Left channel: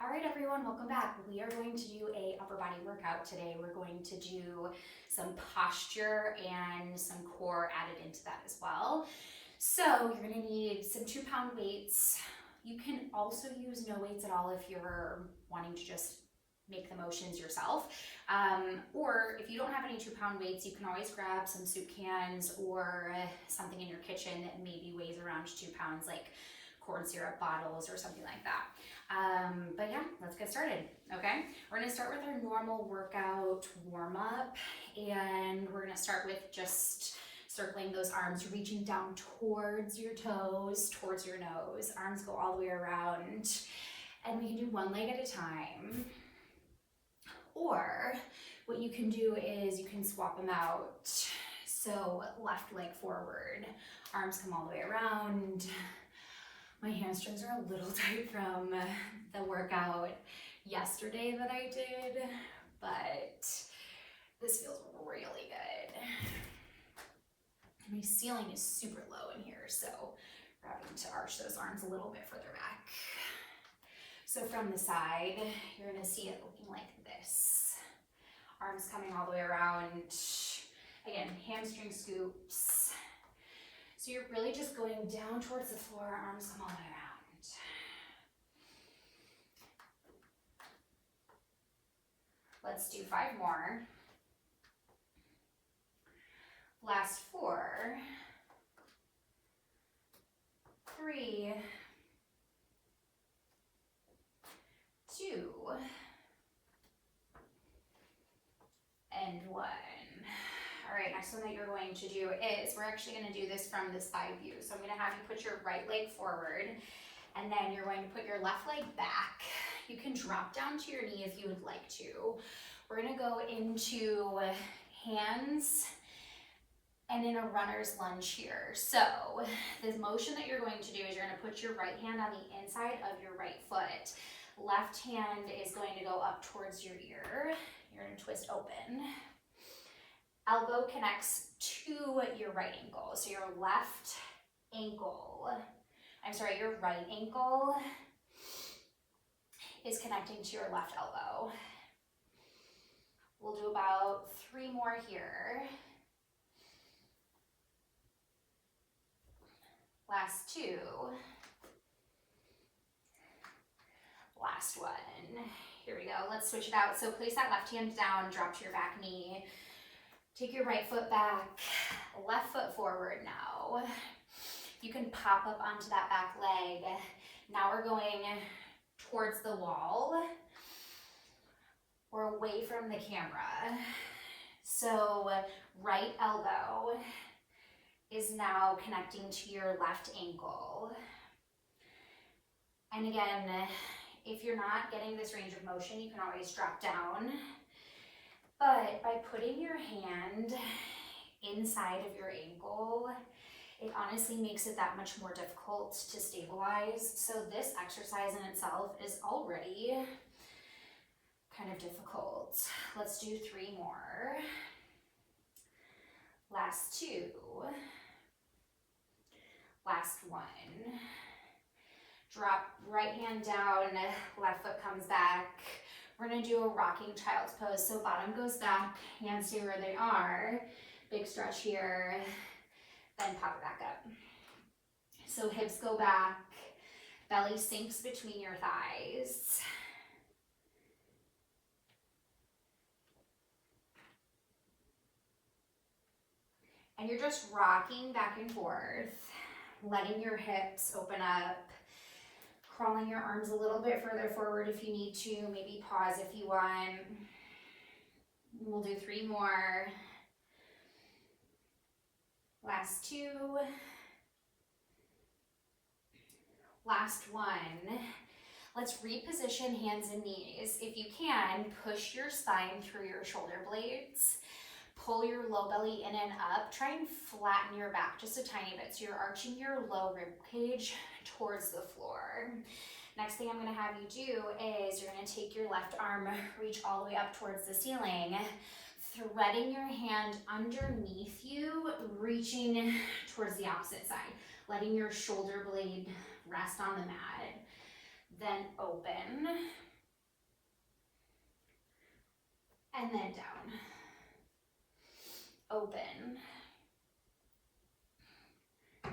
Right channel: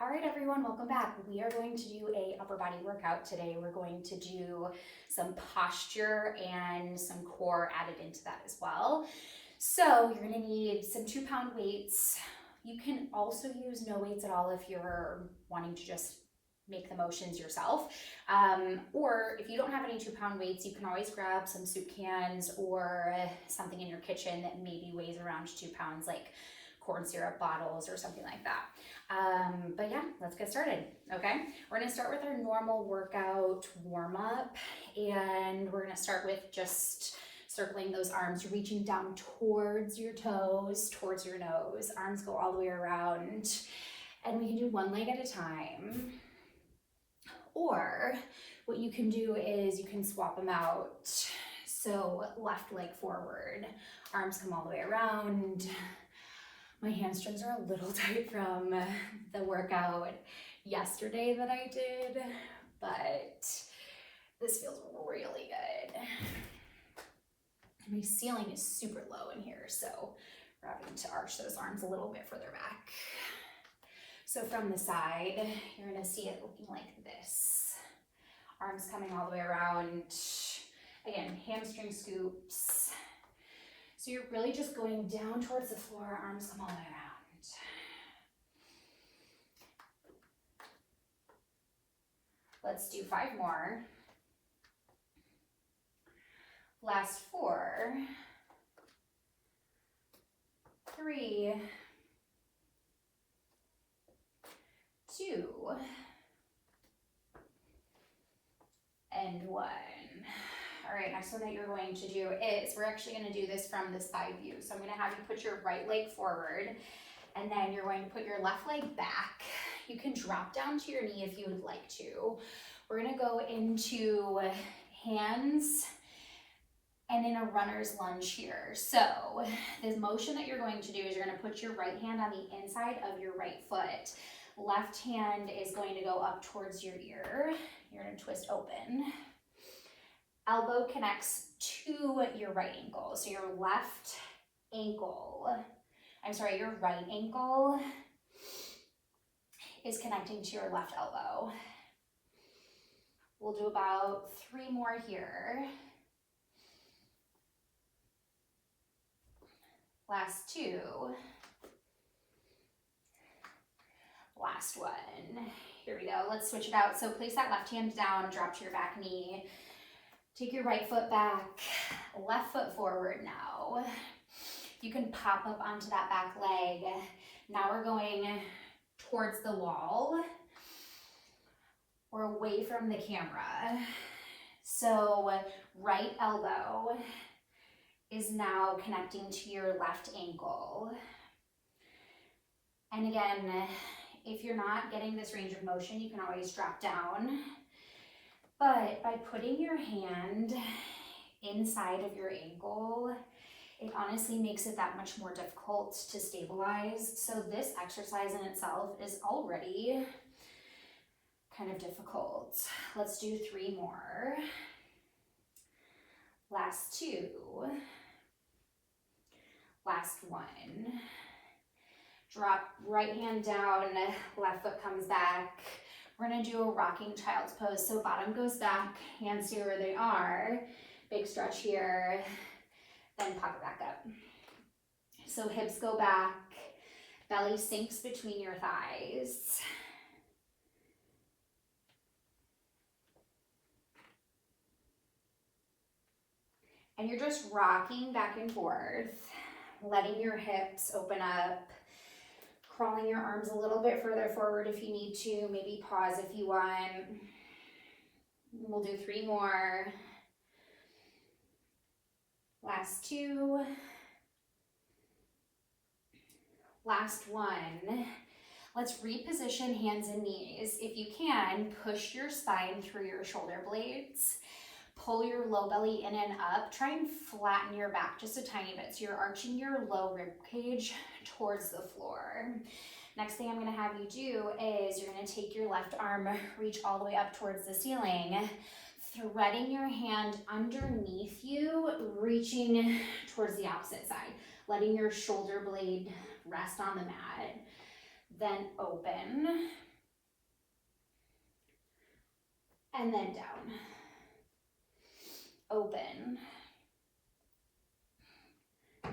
All right, everyone, welcome back. We are going to do a upper body workout today. We're going to do some posture and some core added into that as well. So you're gonna need some 2-pound weights. You can also use no weights at all if you're wanting to just make the motions yourself. Or if you don't have any 2-pound weights, you can always grab some soup cans or something in your kitchen that maybe weighs around 2 pounds, like corn syrup bottles or something like that. But yeah, let's get started, okay? We're gonna start with our normal workout warm-up, and we're gonna start with just circling those arms, reaching down towards your toes, towards your nose. Arms go all the way around, and we can do one leg at a time. Or what you can do is you can swap them out. So left leg forward, arms come all the way around. My hamstrings are a little tight from the workout yesterday that I did, but this feels really good. My ceiling is super low in here, so we're having to arch those arms a little bit further back. So from the side, you're gonna see it looking like this. Arms coming all the way around. Again, hamstring scoops. So you're really just going down towards the floor, arms come all the way around. Let's do 5 more. Last 4, 3, 2, and 1. All right, next one that you're going to do is, we're actually gonna do this from the side view. So I'm gonna have you put your right leg forward, and then you're going to put your left leg back. You can drop down to your knee if you would like to. We're gonna go into hands and in a runner's lunge here. So the motion that you're going to do is you're gonna put your right hand on the inside of your right foot. Left hand is going to go up towards your ear. You're gonna twist open. Elbow connects to your right ankle. So your your right ankle is connecting to your left elbow. We'll do about 3 more here. Last 2. Last one. Here we go. Let's switch it out. So place that left hand down, drop to your back knee. Take your right foot back, left foot forward now. You can pop up onto that back leg. Now we're going towards the wall or away from the camera. So right elbow is now connecting to your left ankle. And again, if you're not getting this range of motion, you can always drop down. But by putting your hand inside of your ankle, it honestly makes it that much more difficult to stabilize. So this exercise in itself is already kind of difficult. Let's do 3 more. Last 2. Last 1. Drop right hand down, left foot comes back. We're gonna do a rocking child's pose. So bottom goes back, hands stay where they are. Big stretch here, then pop it back up. So hips go back, belly sinks between your thighs. And you're just rocking back and forth, letting your hips open up. Crawling your arms a little bit further forward if you need to, maybe pause if you want. We'll do 3 more. Last 2. Last 1. Let's reposition hands and knees. If you can, push your spine through your shoulder blades. Pull your low belly in and up. Try and flatten your back just a tiny bit. So you're arching your low rib cage towards the floor. Next thing I'm gonna have you do is you're gonna take your left arm, reach all the way up towards the ceiling, threading your hand underneath you, reaching towards the opposite side, letting your shoulder blade rest on the mat. Then open. and then down. Open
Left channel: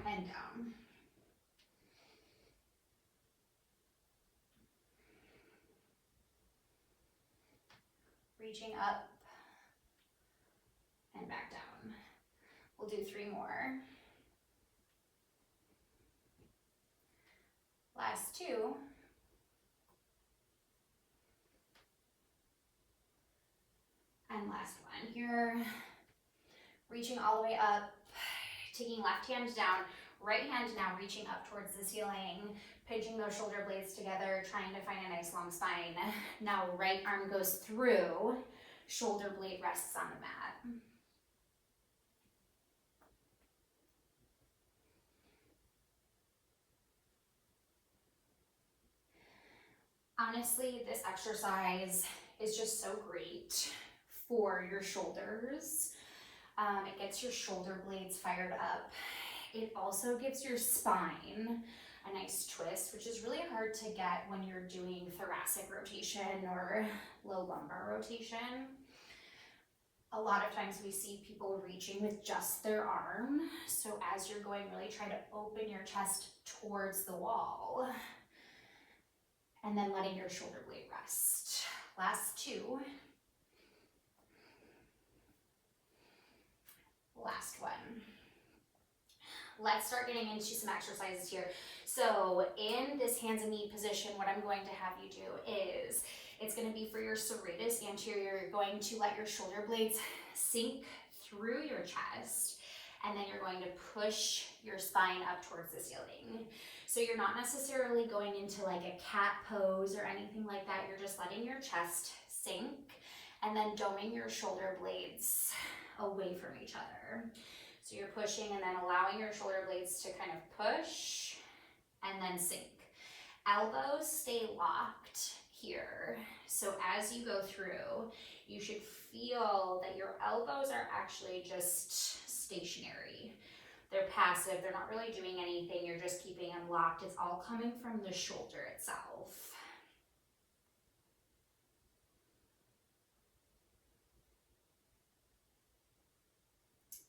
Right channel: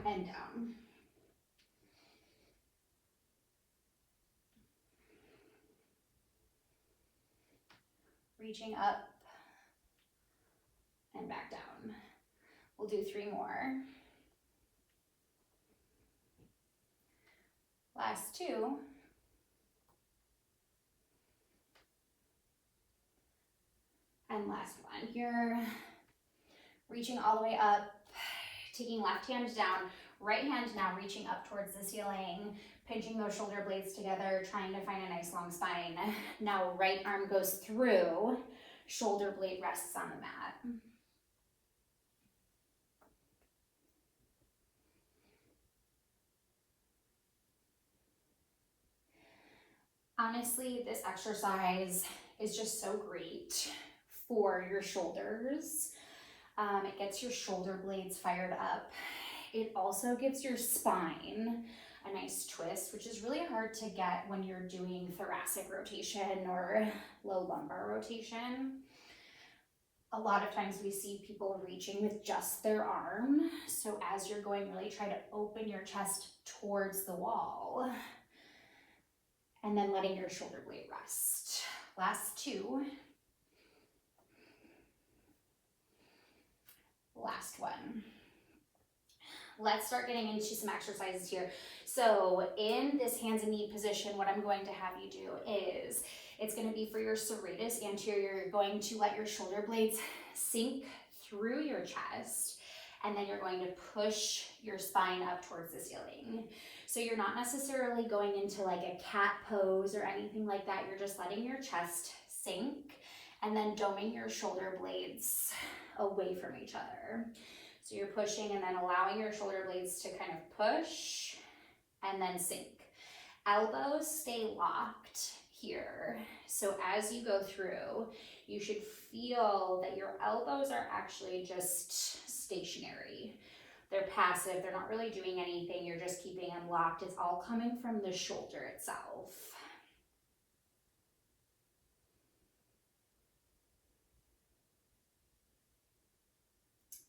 and down. Reaching up and back down. We'll do 3 more. Last 2. And last one. Here, reaching all the way up, taking left hand down, right hand now reaching up towards the ceiling, pinching those shoulder blades together, trying to find a nice long spine. Now right arm goes through, shoulder blade rests on the mat. Honestly, this exercise is just so great for your shoulders. It gets your shoulder blades fired up. It also gives your spine a nice twist, which is really hard to get when you're doing thoracic rotation or low lumbar rotation. A lot of times we see people reaching with just their arm. So as you're going, really try to open your chest towards the wall and then letting your shoulder blade rest. Last 2. Last one. Let's start getting into some exercises here. So in this hands and knee position, what I'm going to have you do is, it's going to be for your serratus anterior. You're going to let your shoulder blades sink through your chest, and then you're going to push your spine up towards the ceiling. So you're not necessarily going into like a cat pose or anything like that. You're just letting your chest sink and then doming your shoulder blades away from each other. So you're pushing and then allowing your shoulder blades to kind of push and then sink. Elbows stay locked here. So as you go through, you should feel that your elbows are actually just stationary. They're passive, they're not really doing anything, you're just keeping them locked. It's all coming from the shoulder itself.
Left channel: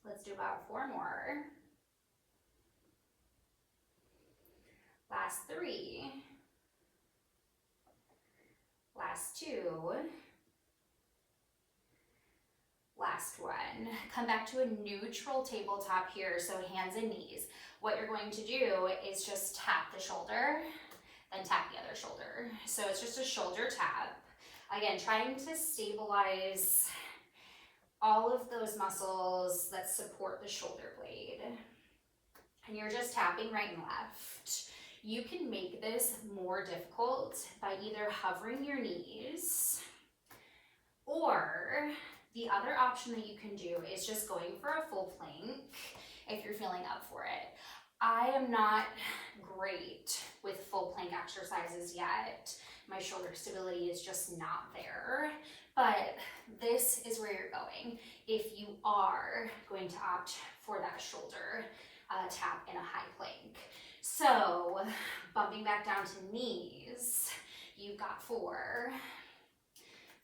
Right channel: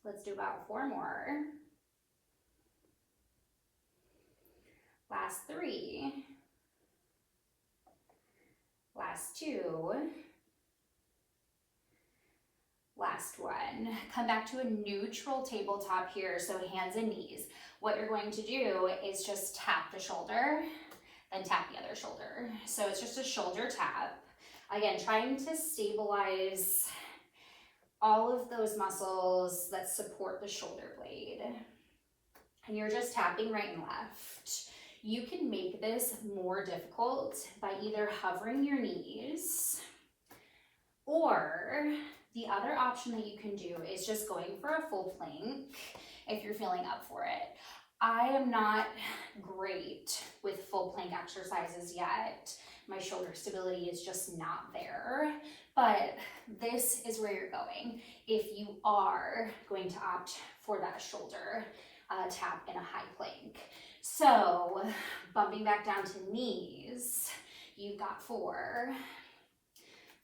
Let's do about 4 more. Last 3. Last 2. Last one. Come back to a neutral tabletop here, so hands and knees. What you're going to do is just tap the shoulder, then tap the other shoulder. So it's just a shoulder tap. Again, trying to stabilize all of those muscles that support the shoulder blade. And you're just tapping right and left. You can make this more difficult by either hovering your knees, or the other option that you can do is just going for a full plank if you're feeling up for it. I am not great with full plank exercises yet. My shoulder stability is just not there, but this is where you're going if you are going to opt for that shoulder tap in a high plank. So bumping back down to knees, you've got 4,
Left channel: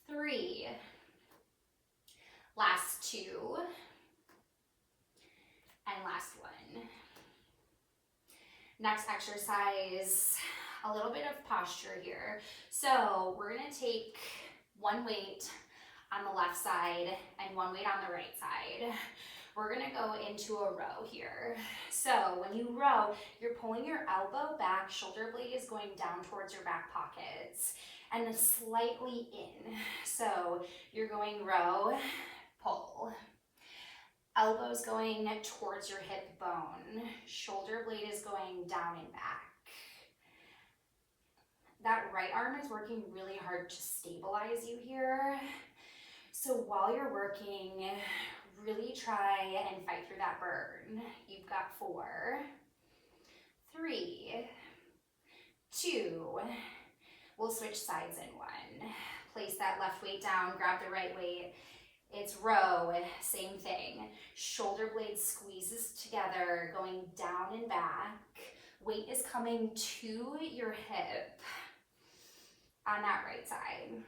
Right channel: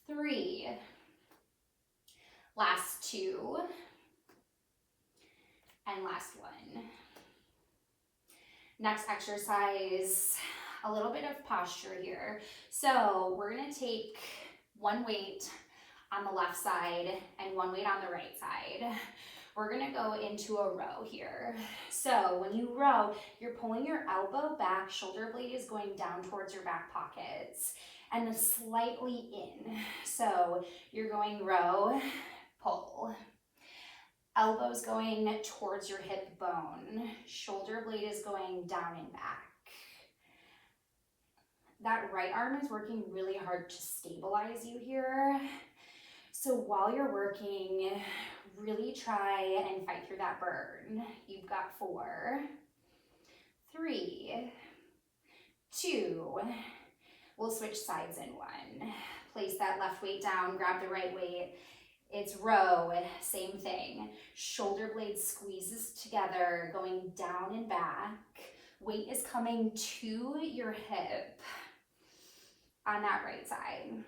3, last 2, and last 1. Next exercise, a little bit of posture here. So we're gonna take 1 weight on the left side and 1 weight on the right side. We're gonna go into a row here. So when you row, you're pulling your elbow back, shoulder blade is going down towards your back pockets and then slightly in. So you're going row, pull. Elbows going towards your hip bone. Shoulder blade is going down and back. That right arm is working really hard to stabilize you here. So while you're working, really try and fight through that burn. You've got 4, 3, 2. We'll switch sides in 1. Place that left weight down, grab the right weight. It's row, same thing. Shoulder blade squeezes together, going down and back. Weight is coming to your hip on that right side.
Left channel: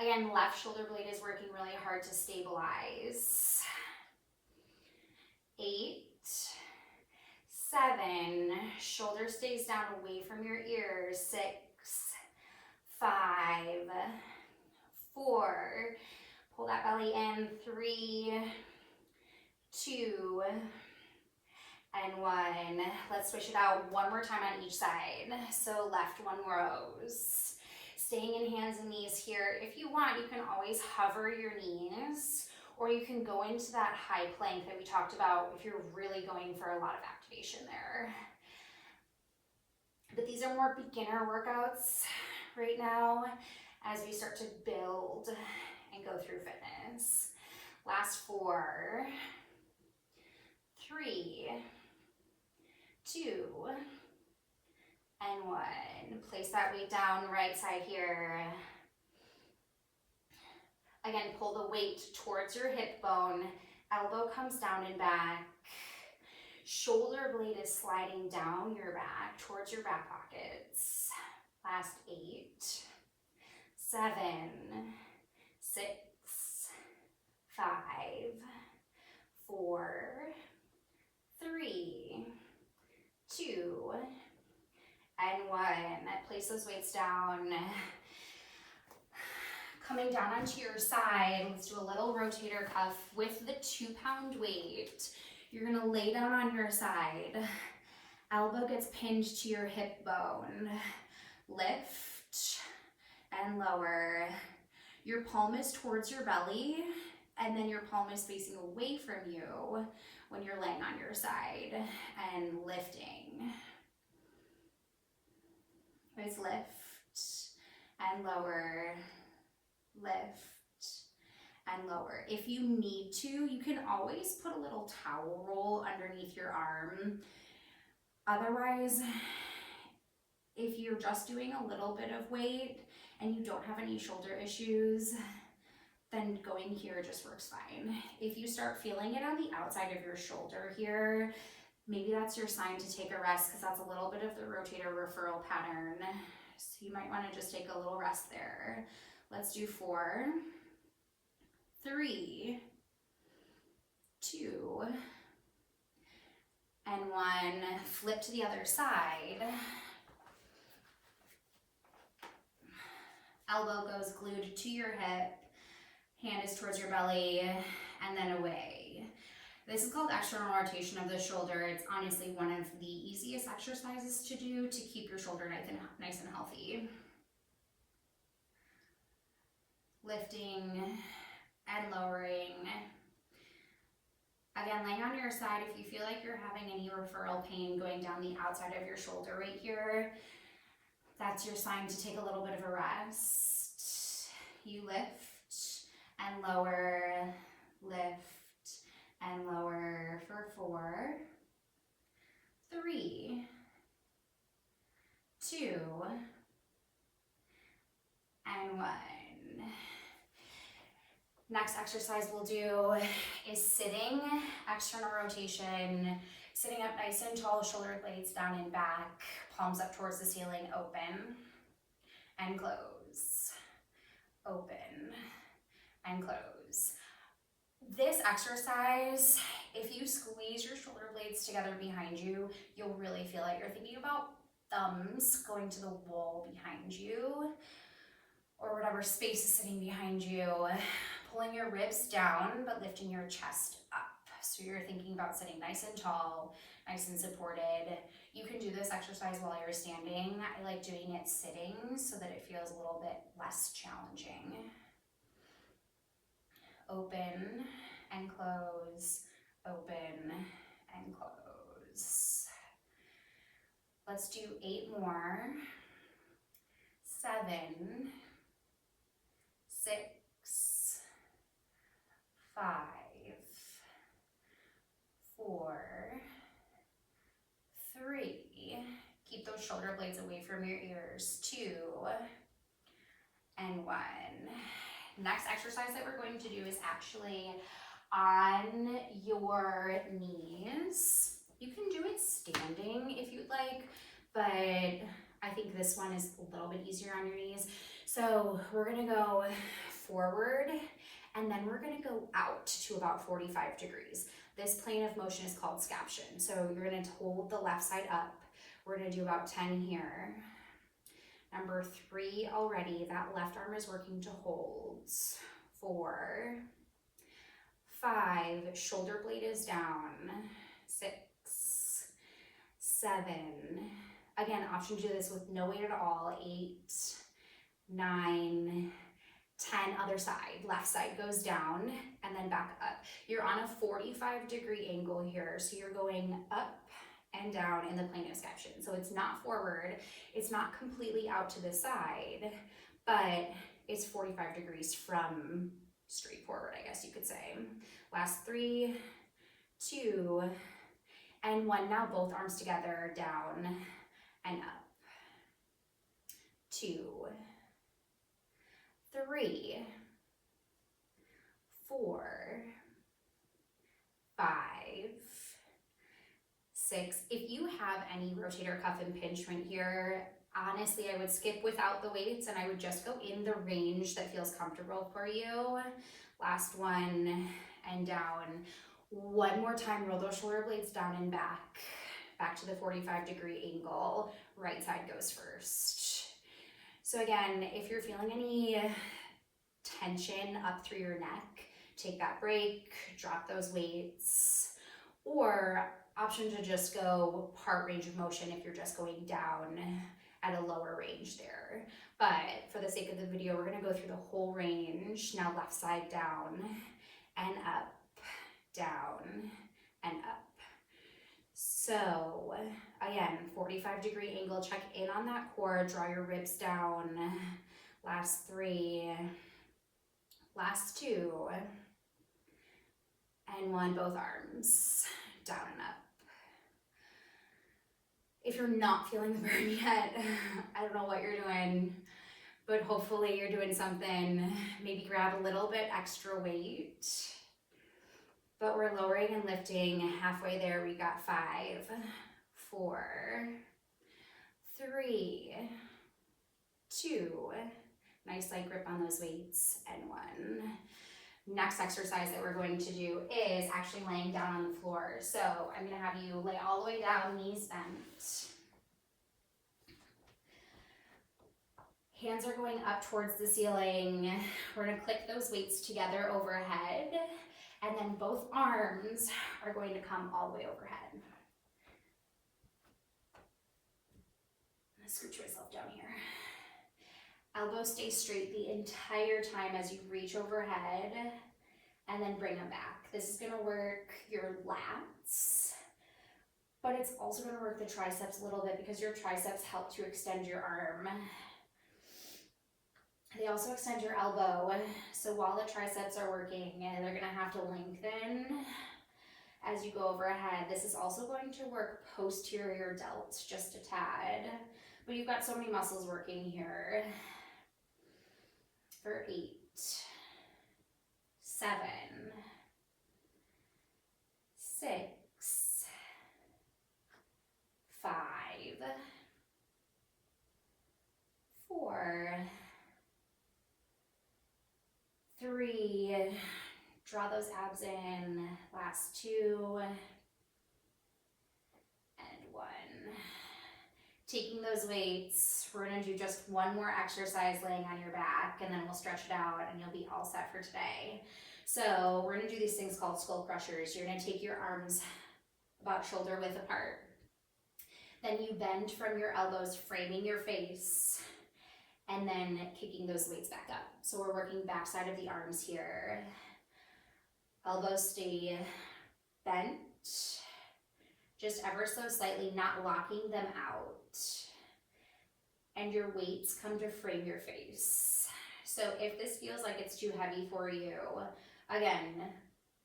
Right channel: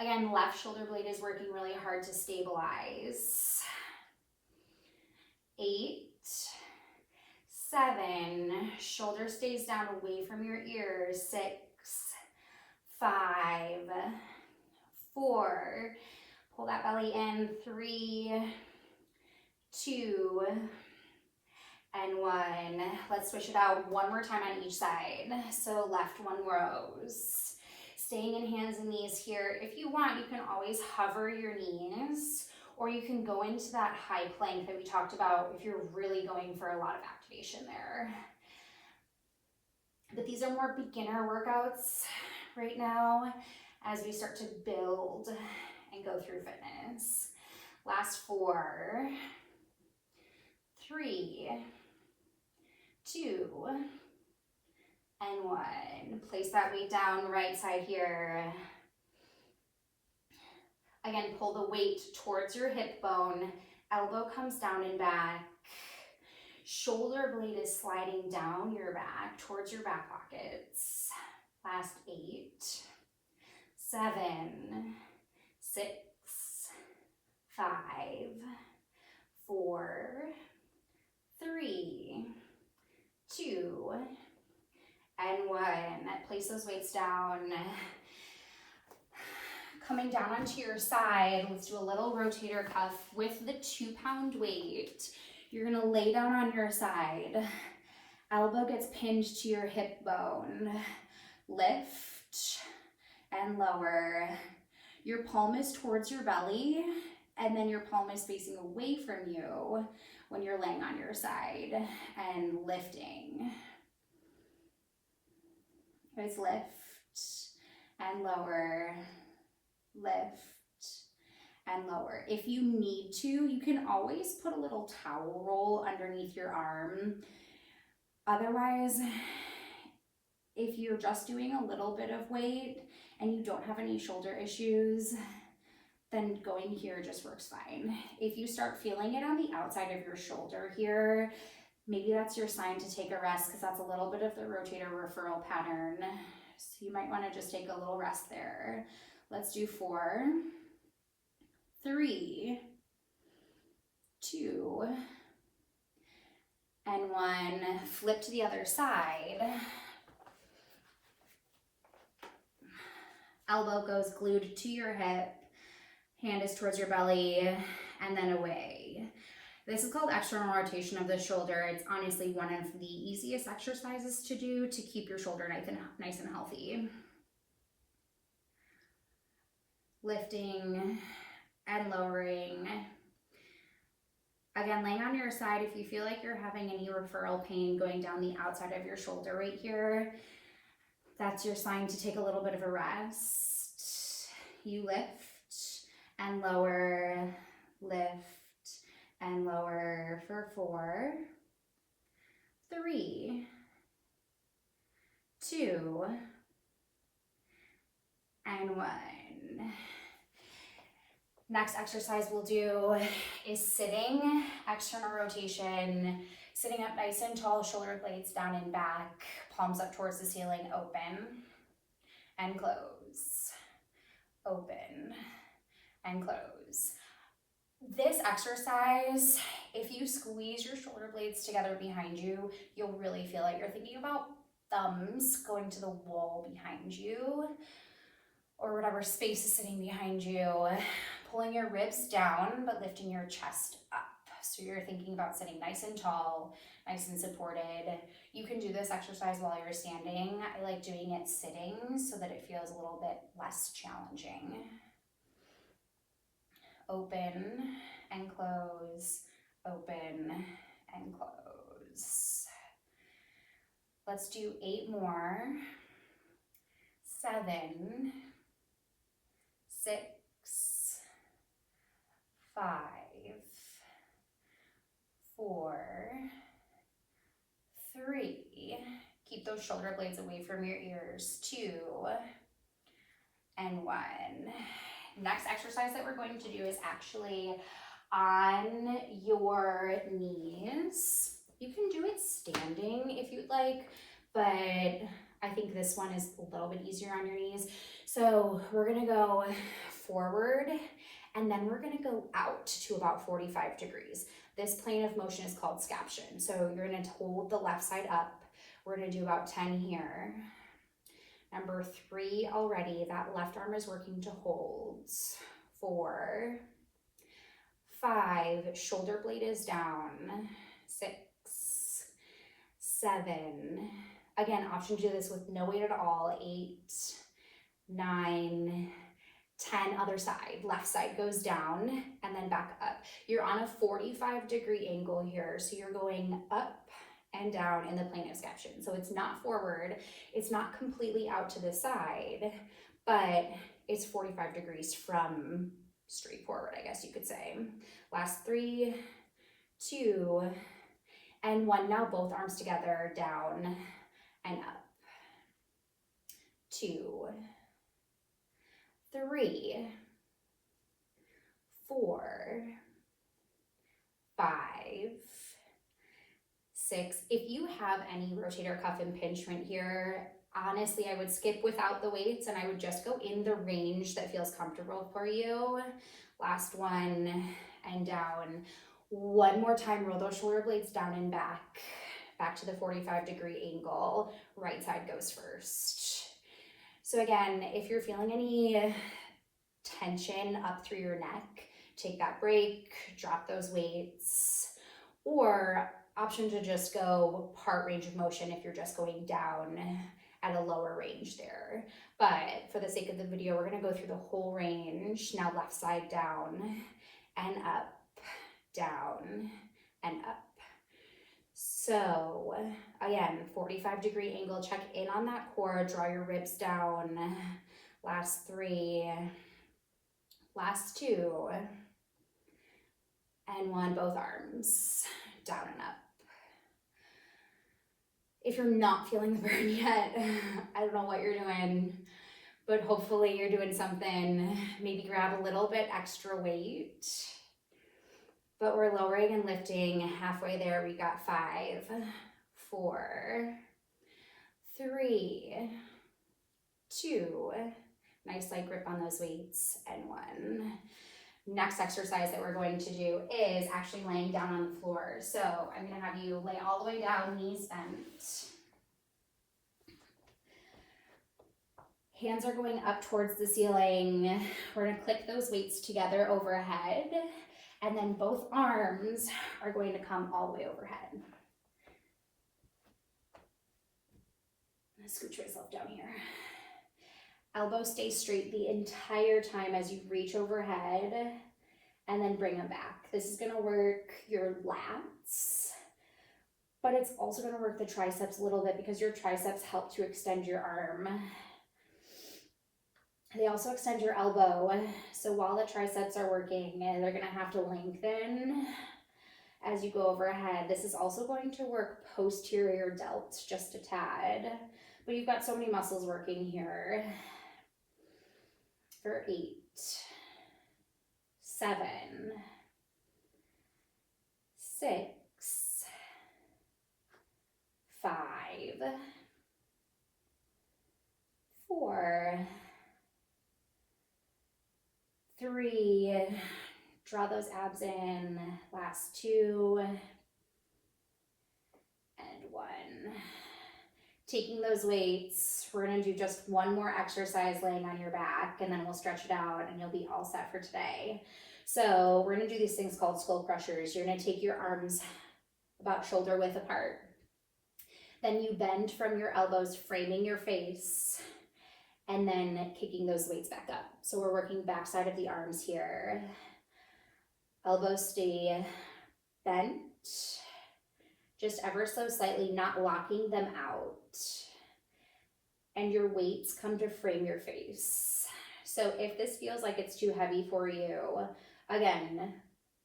Again, left shoulder blade is working really hard to stabilize. 8, 7, shoulder stays down away from your ears. 6, 5, 4, pull that belly in. 3, 2, and 1. Let's switch it out one more time on each side. So left one rose. Staying in hands and knees here. If you want, you can always hover your knees, or you can go into that high plank that we talked about if you're really going for a lot of activation there. But these are more beginner workouts right now as we start to build and go through fitness. Last 4, 3, 2, and 1. Place that weight down, right side here. Again, pull the weight towards your hip bone. Elbow comes down and back. Shoulder blade is sliding down your back towards your back pockets. Last 8, 7, 6, 5, 4, 3, 2, and 1. Place those weights down. Coming down onto your side, let's do a little rotator cuff with the 2-pound weight. You're gonna lay down on your side. Elbow gets pinned to your hip bone. Lift and lower. Your palm is towards your belly, and then your palm is facing away from you when you're laying on your side and lifting. Guys, lift and lower, lift and lower. If you need to, you can always put a little towel roll underneath your arm. Otherwise, if you're just doing a little bit of weight and you don't have any shoulder issues, then going here just works fine. If you start feeling it on the outside of your shoulder here, maybe that's your sign to take a rest, because that's a little bit of the rotator referral pattern. So you might want to just take a little rest there. Let's do 4, 3, 2, and 1. Flip to the other side. Elbow goes glued to your hip. Hand is towards your belly, and then away. This is called external rotation of the shoulder. It's honestly one of the easiest exercises to do to keep your shoulder nice and healthy. Lifting and lowering. Again, laying on your side, if you feel like you're having any referral pain going down the outside of your shoulder right here, that's your sign to take a little bit of a rest. You lift and lower, lift and lower for 4, 3, 2, and 1. Next exercise we'll do is sitting, external rotation, sitting up nice and tall, shoulder blades down and back, palms up towards the ceiling, open and close, open and close. This exercise, if you squeeze your shoulder blades together behind you, you'll really feel it. You're thinking about thumbs going to the wall behind you, or whatever space is sitting behind you, pulling your ribs down, but lifting your chest up. So you're thinking about sitting nice and tall, nice and supported. You can do this exercise while you're standing. I like doing it sitting so that it feels a little bit less challenging. Open and close, open and close. Let's do 8 more. 7, 6, 5, 4, 3. Keep those shoulder blades away from your ears. 2, and 1. Next exercise that we're going to do is actually on your knees. You can do it standing if you'd like, but I think this one is a little bit easier on your knees. So we're gonna go forward, and then we're gonna go out to about 45 degrees. This plane of motion is called scaption. So you're gonna hold the left side up. We're gonna do about 10 here. Number 3 already, that left arm is working to hold. 4, 5, shoulder blade is down. 6, 7, again, option to do this with no weight at all. 8, 9, 10, other side, left side goes down and then back up. You're on a 45-degree angle here, so you're going up and down in the plane of scaption. So it's not forward, it's not completely out to the side, but it's 45 degrees from straight forward, I guess you could say. Last 3, 2, and 1. Now both arms together, down and up. 2, 3, 4, 5, 6. If you have any rotator cuff impingement here, honestly, I would skip without the weights and I would just go in the range that feels comfortable for you. Last 1 and down. 1 more time, roll those shoulder blades down and back to the 45-degree angle. Right side goes first. So again, if you're feeling any tension up through your neck, take that break, drop those weights, or option to just go part range of motion if you're just going down at a lower range there. But for the sake of the video, we're gonna go through the whole range. Now left side down and up, down and up. So again, 45-degree angle, check in on that core, draw your ribs down. Last 3, last 2, and 1, both arms down and up. If you're not feeling the burn yet, I don't know what you're doing, but hopefully you're doing something. Maybe grab a little bit extra weight. But we're lowering and lifting. Halfway there, we got 5, 4, 3, 2, nice light grip on those weights, and 1. Next exercise that we're going to do is actually laying down on the floor. So I'm gonna have you lay all the way down, knees bent. Hands are going up towards the ceiling. We're gonna click those weights together overhead, and then both arms are going to come all the way overhead. I'm gonna scooch myself down here. Elbows stay straight the entire time as you reach overhead, and then bring them back. This is gonna work your lats, but it's also gonna work the triceps a little bit because your triceps help to extend your arm. They also extend your elbow. So while the triceps are working, they're gonna have to lengthen as you go overhead. This is also going to work posterior delts just a tad, but you've got so many muscles working here. For 8, 7, 6, 5, 4, 3, draw those abs in, last 2, and 1. Taking those weights, we're gonna do just 1 more exercise laying on your back, and then we'll stretch it out and you'll be all set for today. So we're gonna do these things called skull crushers. You're gonna take your arms about shoulder width apart. Then you bend from your elbows, framing your face, and then kicking those weights back up. So we're working backside of the arms here. Elbows stay bent, just ever so slightly, not locking them out. And your weights come to frame your face. So if this feels like it's too heavy for you, again,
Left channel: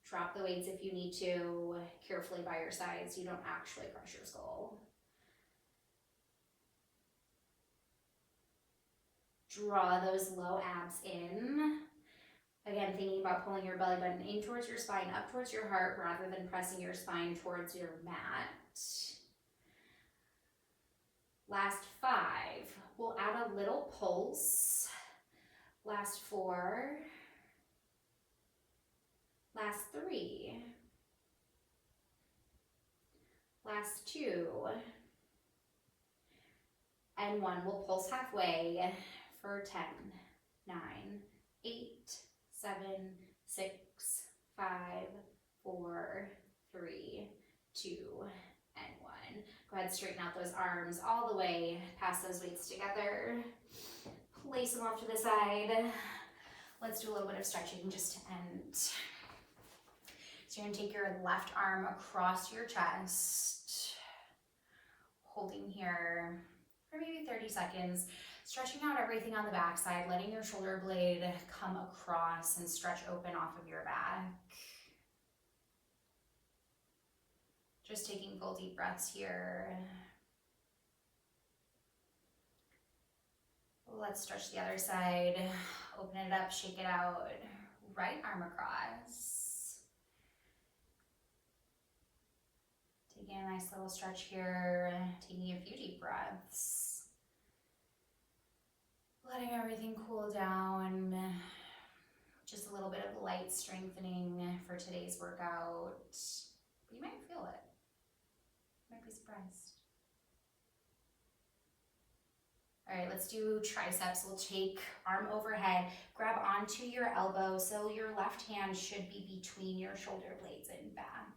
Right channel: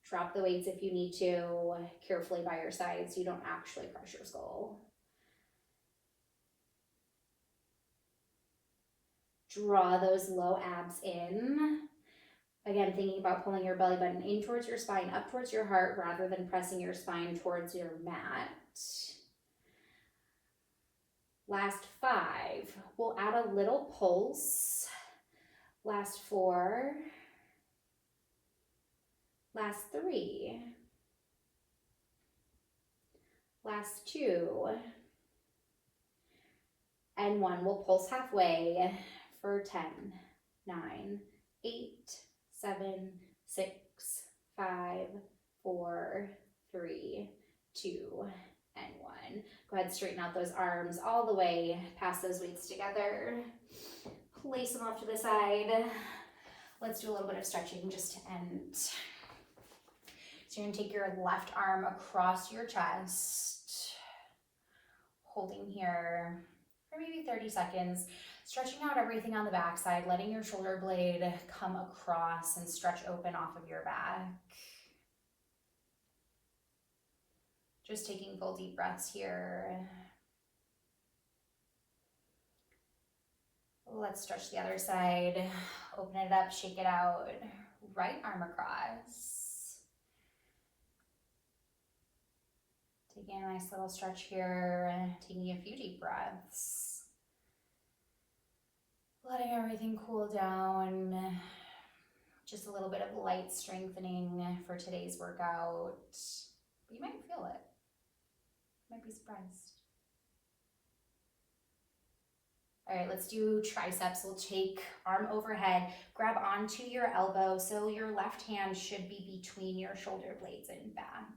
drop the weights if you need to, carefully by your side so you don't actually crush your skull. Draw those low abs in. Again, thinking about pulling your belly button in towards your spine, up towards your heart, rather than pressing your spine towards your mat. Last 5, we'll add a little pulse. Last 4. Last 3. Last 2. And 1. We'll pulse halfway for 10, 9, 8, 7, 6, 5, 4, 3, 2, and 1. Go ahead and straighten out those arms all the way past those weights together. Place them off to the side. Let's do a little bit of stretching just to end. So you're gonna take your left arm across your chest, holding here for maybe 30 seconds, stretching out everything on the backside, letting your shoulder blade come across and stretch open off of your back. Just taking full deep breaths here. Let's stretch the other side. Open it up, shake it out. Right arm across. Taking a nice little stretch here. Taking a few deep breaths. Letting everything cool down. Just a little bit of light strengthening for today's workout. But you might feel it. You might be surprised. All right, let's do triceps. We'll take arm overhead, grab onto your elbow, so your left hand should be between your shoulder blades and back.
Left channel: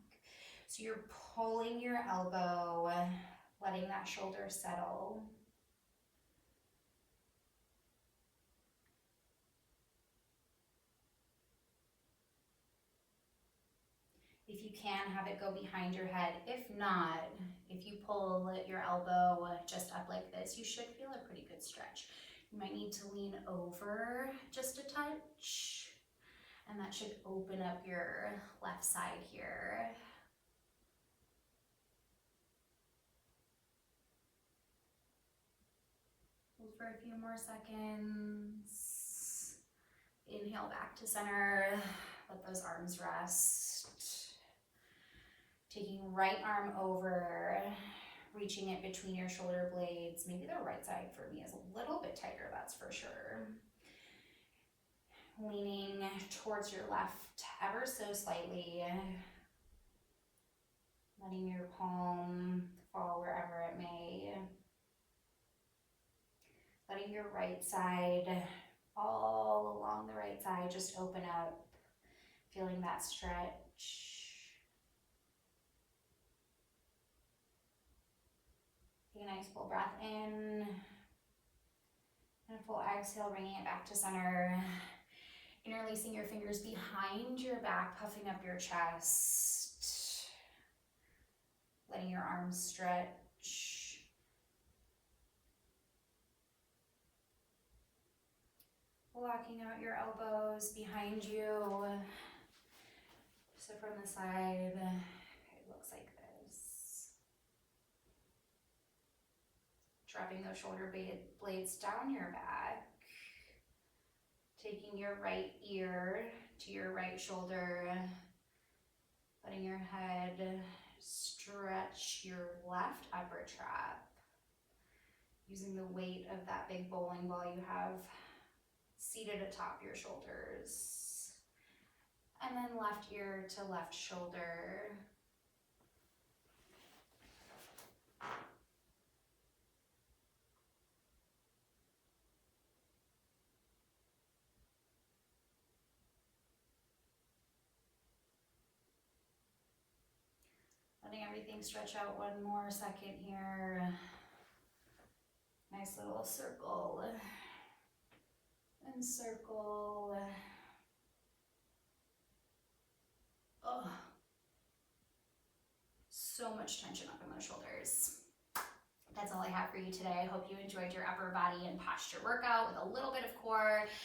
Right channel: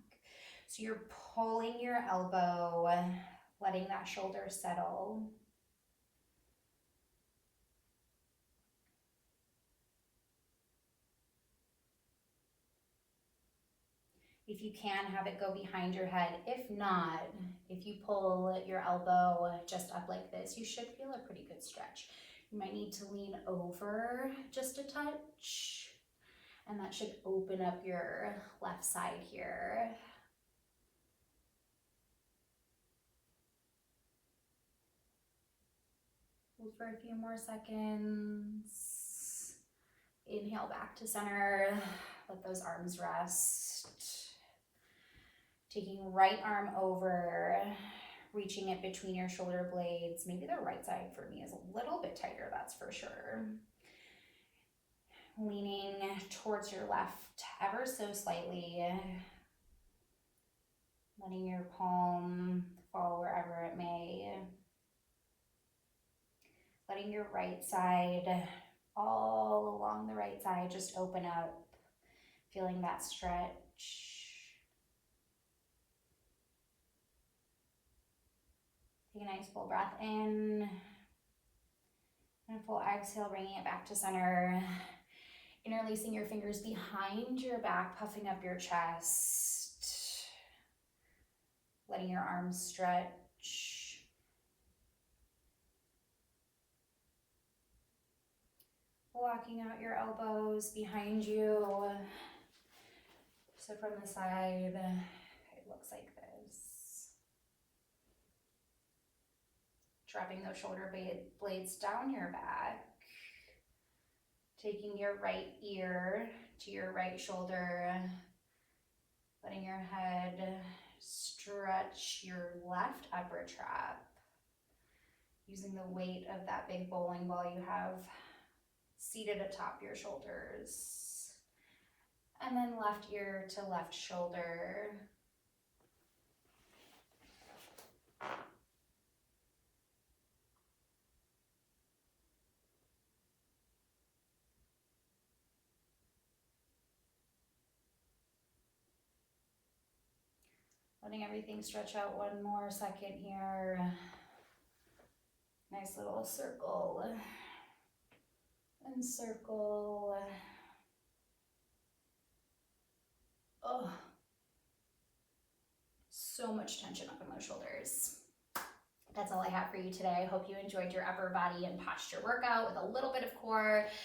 So you're pulling your elbow, letting that shoulder settle. If you can, have it go behind your head. If not, if you pull your elbow just up like this, you should feel a pretty good stretch. You might need to lean over just a touch, and that should open up your left side here. Hold for a few more seconds. Inhale back to center. Let those arms rest. Taking right arm over, reaching it between your shoulder blades. Maybe the right side for me is a little bit tighter, that's for sure. Leaning towards your left ever so slightly. Letting your palm fall wherever it may. Letting your right side, all along the right side, just open up. Feeling that stretch. Take a nice full breath in, and a full exhale, bringing it back to center. Interlacing your fingers behind your back, puffing up your chest. Letting your arms stretch. Walking out your elbows behind you. So from the side, it looks like this. Dropping those shoulder blades down your back. Taking your right ear to your right shoulder. Letting your head stretch your left upper trap. Using the weight of that big bowling ball you have seated atop your shoulders. And then left ear to left shoulder. Letting everything stretch out one more second here. Nice little circle. And circle. Oh, so much tension up in those shoulders. That's all I have for you today. I hope you enjoyed your upper body and posture workout with a little bit of core.